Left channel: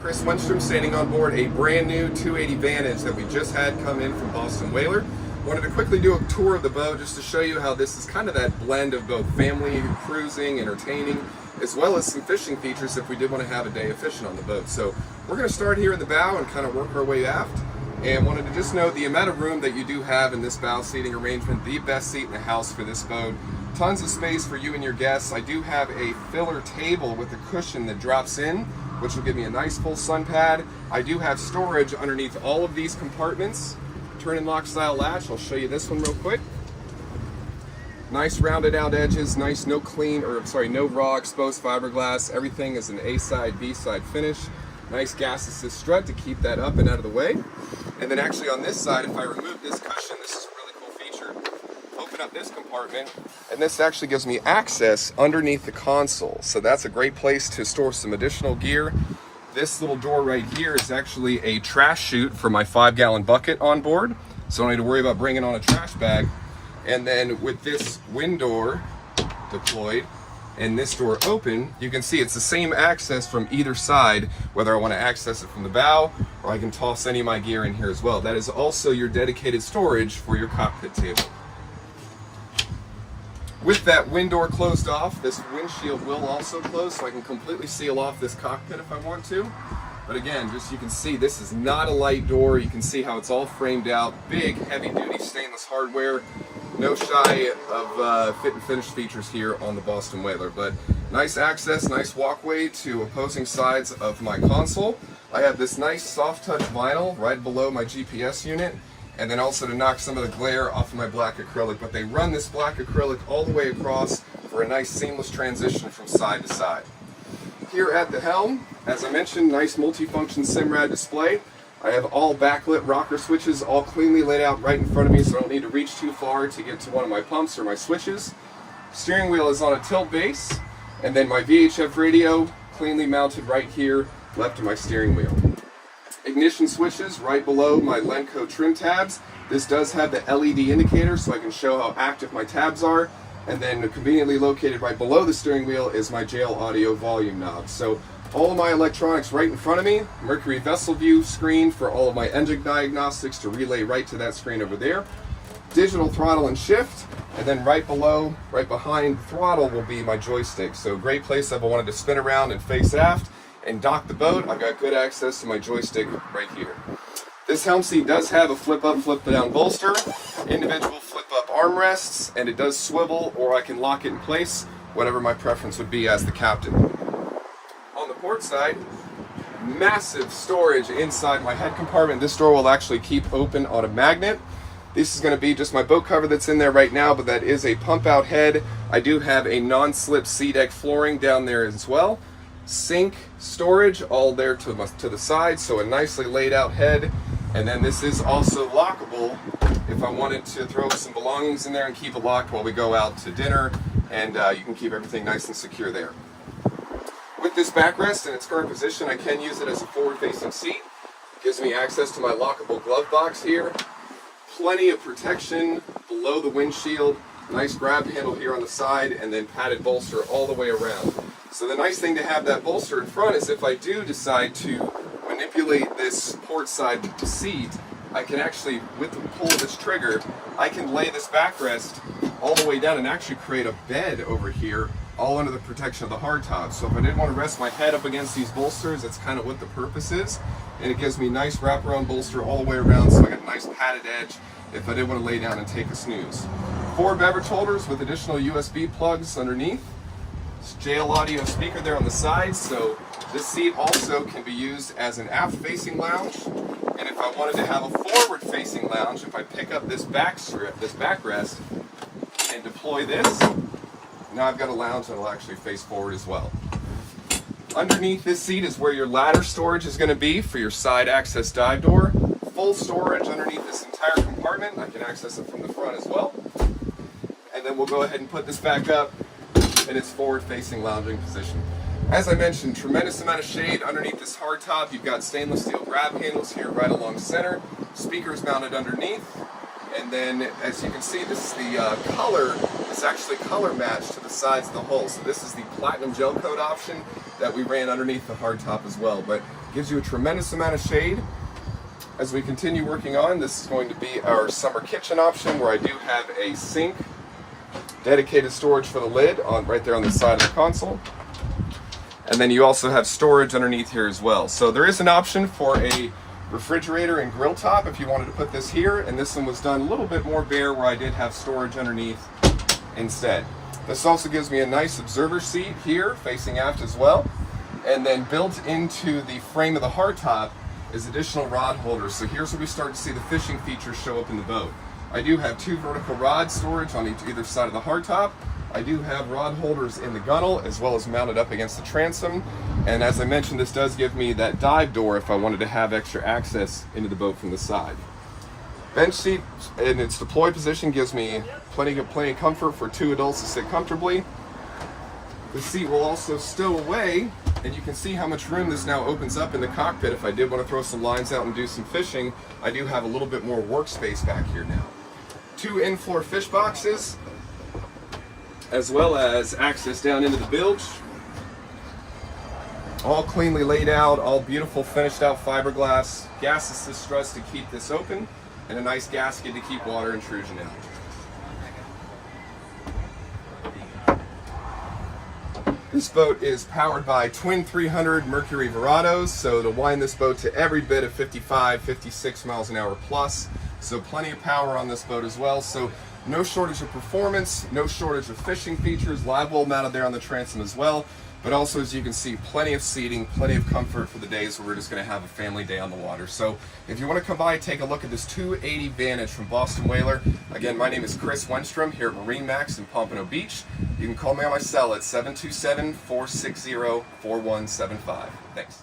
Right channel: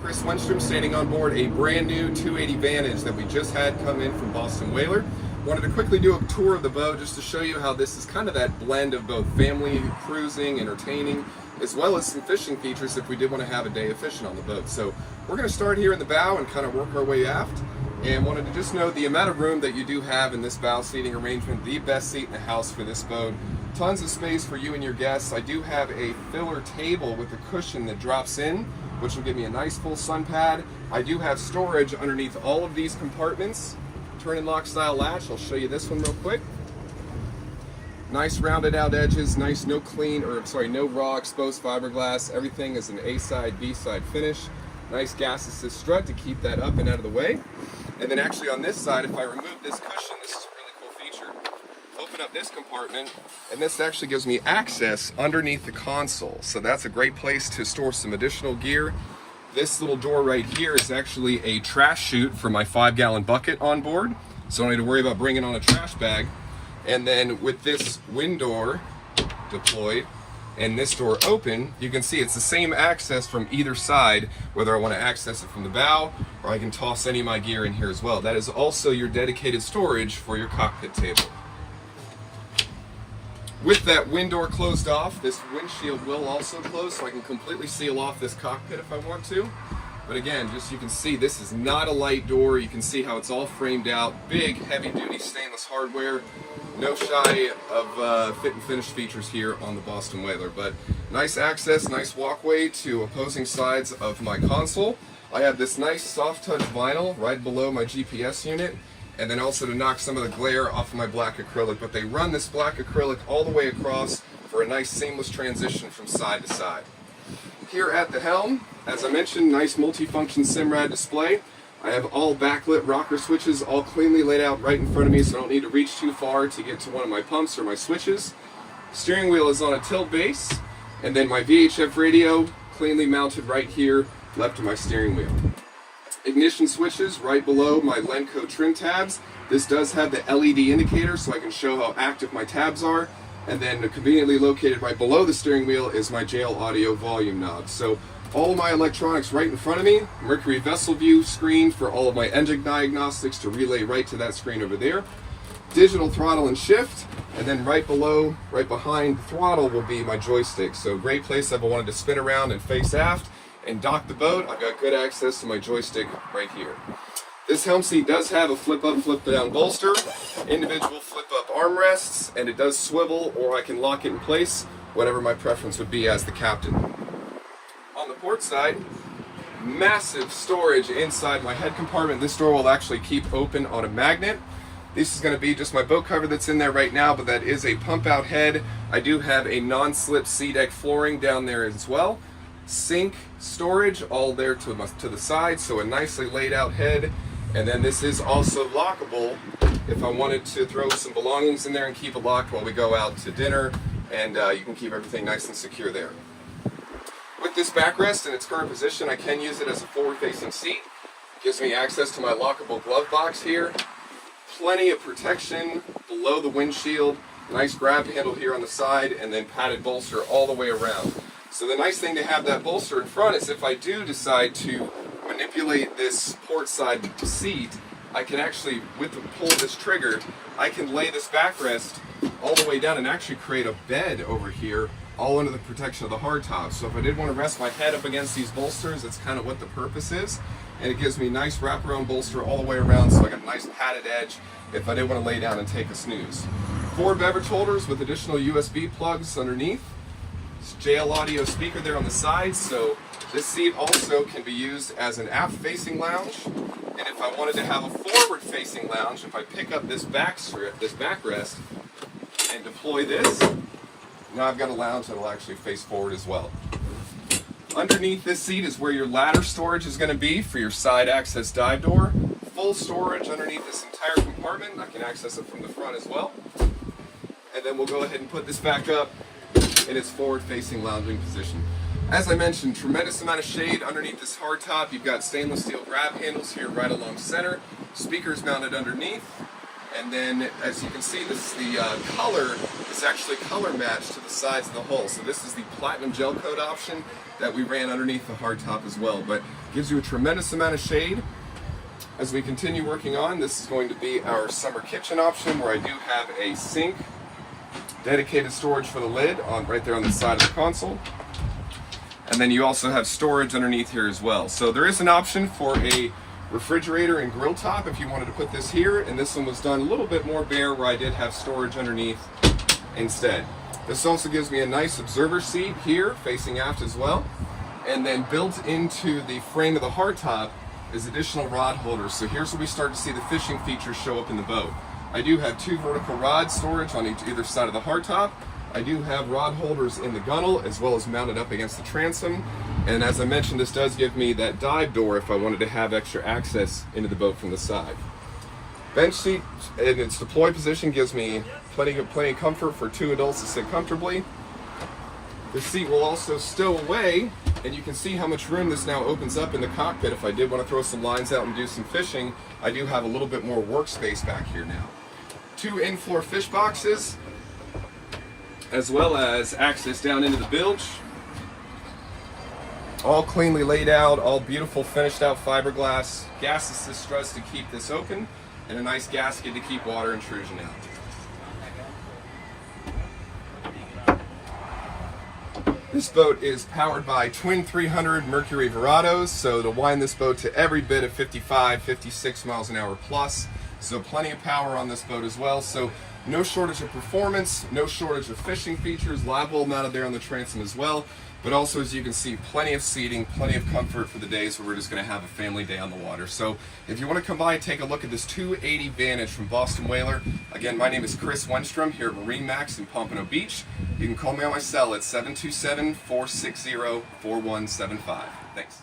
Chris Wenstrom standing on board a brand new 280 Vantage that we just had come in from Boston Whaler. Wanted to quickly do a tour of the boat just to show you how this is kind of that blend of both family, cruising, entertaining, as well as some fishing features if we did want to have a day of fishing on the boat. So we're going to start here in the bow and kind of work our way aft. And wanted to just note the amount of room that you do have in this bow seating arrangement, the best seat in the house for this boat. Tons of space for you and your guests. I do have a filler table with a cushion that drops in, which will give me a nice full sun pad. I do have storage underneath all of these compartments. Turn and lock style latch. I'll show you this one real quick. Nice rounded out edges, nice no raw exposed fiberglass. Everything is an A side, B side finish. Nice gas assist strut to keep that up and out of the way. And then actually on this side, if I remove this cushion, this is a really cool feature. Open up this compartment, and this actually gives me access underneath the console. So that's a great place to store some additional gear. This little door right here is actually a trash chute for my 5-gallon bucket on board. So I don't need to worry about bringing on a trash bag. And then with this wind door deployed and this door open, you can see it's the same access from either side, whether I want to access it from the bow or I can toss any of my gear in here as well. That is also your dedicated storage for your cockpit table. With that wind door closed off, this windshield will also close, so I can completely seal off this cockpit if I want to. But again, just you can see this is not a light door. You can see how it's all framed out. Big, heavy-duty stainless hardware. No shy of fit and finish features here on the Boston Whaler. But nice access, nice walkway to opposing sides of my console. I have this nice soft touch vinyl right below my GPS unit. And then also to knock some of the glare off of my black acrylic. But they run this black acrylic all the way across for a nice seamless transition from side to side. Here at the helm, as I mentioned, nice multifunction Simrad display. I have all backlit rocker switches all cleanly laid out right in front of me, so I don't need to reach too far to get to one of my pumps or my switches. Steering wheel is on a tilt base, and then my VHF radio cleanly mounted right here left of my steering wheel. Ignition switches right below my Lenco trim tabs. This does have the LED indicator so I can show how active my tabs are. And then conveniently located right below the steering wheel is my JL Audio volume knob. So all of my electronics right in front of me. Mercury Vessel View screen for all of my engine diagnostics to relay right to that screen over there. Digital throttle and shift. And then right below, right behind the throttle will be my joystick. So great place if I wanted to spin around and face aft and dock the boat. I've got good access to my joystick right here. This helm seat does have a flip up, flip down bolster, individual flip up armrests, and it does swivel, or I can lock it in place, whatever my preference would be as the captain. On the port side, massive storage inside my head compartment. This door will actually keep open on a magnet. This is going to be just my boat cover that's in there right now, but that is a pump out head. I do have a non-slip sea deck flooring down there as well. Sink storage all there to the side, so a nicely laid out head. And then this is also lockable if I wanted to throw some belongings in there and keep it locked while we go out to dinner, and you can keep everything nice and secure there. With this backrest in its current position, I can use it as a forward-facing seat. Gives me access to my lockable glove box here. Plenty of protection below the windshield. Nice grab handle here on the side, and then padded bolster all the way around. So the nice thing to have that bolster in front is if I do decide to manipulate this port side seat, I can actually, with the pull of this trigger, I can lay this backrest all the way down and actually create a bed over here, all under the protection of the hardtop. So if I did want to rest my head up against these bolsters, that's kind of what the purpose is. And it gives me nice wraparound bolster all the way around, so I got a nice padded edge if I did want to lay down and take a snooze. 4 beverage holders with additional USB plugs underneath. JL Audio speaker there on the side, so this seat also can be used as an aft-facing lounge. And if I wanted to have a forward-facing lounge, if I pick up this back strip, this backrest, and deploy this, now I've got a lounge that'll actually face forward as well. Underneath this seat is where your ladder storage is going to be for your side access dive door. Full storage underneath this entire compartment. I can access it from the front as well. And then we'll go ahead and put this back up in its forward-facing lounging position. As I mentioned, tremendous amount of shade underneath this hardtop. You've got stainless steel grab handles here right along center. Speakers mounted underneath. And then, as you can see, this is the color is actually color matched to the sides of the hull. So this is the platinum gel coat option that we ran underneath the hardtop as well, but gives you a tremendous amount of shade. As we continue working on, this is going to be our summer kitchen option, where I do have a sink, dedicated storage for the lid on right there on the side of the console. And then you also have storage underneath here as well. So there is an option for a refrigerator and grill top if you wanted to put this here, and this one was done a little bit more bare where I did have storage underneath instead. This also gives me a nice observer seat here facing aft as well, and then built into the frame of the hardtop is additional rod holders. So here's where we start to see the fishing features show up in the boat. I do have 2 vertical rod storage on either side of the hardtop. I do have rod holders in the gunnel as well as mounted up against the transom. And as I mentioned, this does give me that dive door if I wanted to have extra access into the boat from the side. Bench seat in its deployed position gives me plenty of comfort for 2 adults to sit comfortably. The seat will also stow away, and you can see how much room this now opens up in the cockpit. If I did want to throw some lines out and do some fishing, I do have a little bit more workspace back here now. 2 in-floor fish boxes, as well as access down into the bilge. All cleanly laid out, all beautiful finished out fiberglass. Gas assist struts to keep this open, and a nice gasket to keep water intrusion out. This boat is powered by twin 300 Mercury Verados, so it'll wind this boat to every bit of 55, 56 miles an hour plus. So plenty of power on this boat as well. So no shortage of performance, no shortage of fishing features, live well mounted there on the transom as well. But also, as you can see, plenty of seating, plenty of comfort for the days where we're just going to have a family day on the water. So if you want to come by and take a look at this 280 Vantage from Boston Whaler, again, my name is Chris Wenstrom here at MarineMax in Pompano Beach. You can call me on my cell at 727-460-4175. Thanks.